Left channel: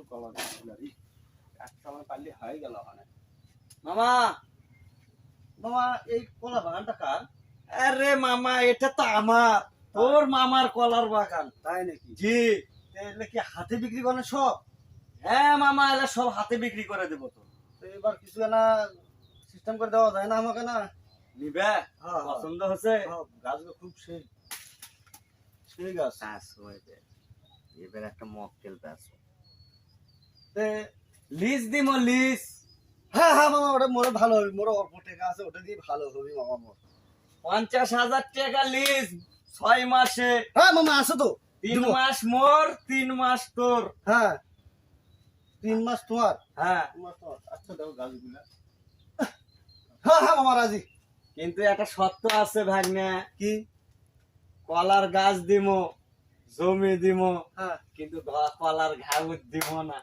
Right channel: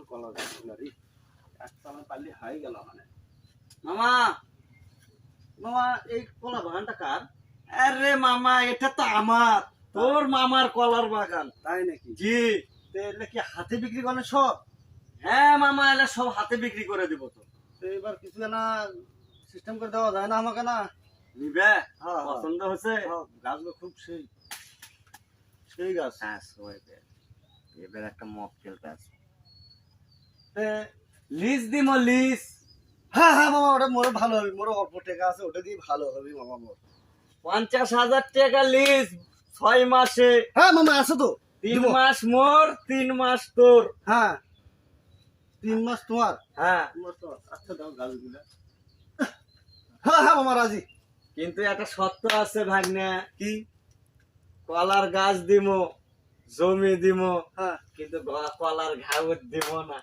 সুন্দর কলা গাছগুলো রে, একটা আমার পারলে হয়ে গেল মানে। মামা মামা এই কলা বাগানটা কার? আরে মামা এটা তো আমার, তোর মামার কলার বাগান। তাই নাকি? জি। তাহলে কি হাতে বিক্রি করেন সব? হ্যাঁ মামা, এলে সব হাতে বিক্রি করে দিব তো। তো এবার কিছু না সিস্টেম করে দেওয়া যায় না আমাকে না? নিবে? হ্যাঁ, হ্যাঁ। পছন্দ হচ্ছে? সব গাছগুলো খুব সেই সেই গাছ। এবার একটা মকটেল প্যাস তে লিজ দিমো, লিজ। হ্যাঁ হ্যাঁ মামা, ওটা মোরে ভালো হবে, মোরে অল্প টাকা আছে, ওটা দিয়ে ভালো হবে মামা মোর। 50,000 টাকা লিজ, 6 মাসে। হ্যাঁ মামা আছে তো। 3 মাস মোর, 3 মাস তোর। হ্যাঁ 3 মাস তোমার। হ্যাঁ 3 মাস তোমার। আচ্ছা দাও গাছগুলা। হ্যাঁ হ্যাঁ মামা রাজি। কিন্তু একটা শর্ত আছে ভাগ্নে। কি? কলার গাছ দিমো, জমি দিমো, হ্যাঁ কিন্তু কলার ঘাউত দিব না।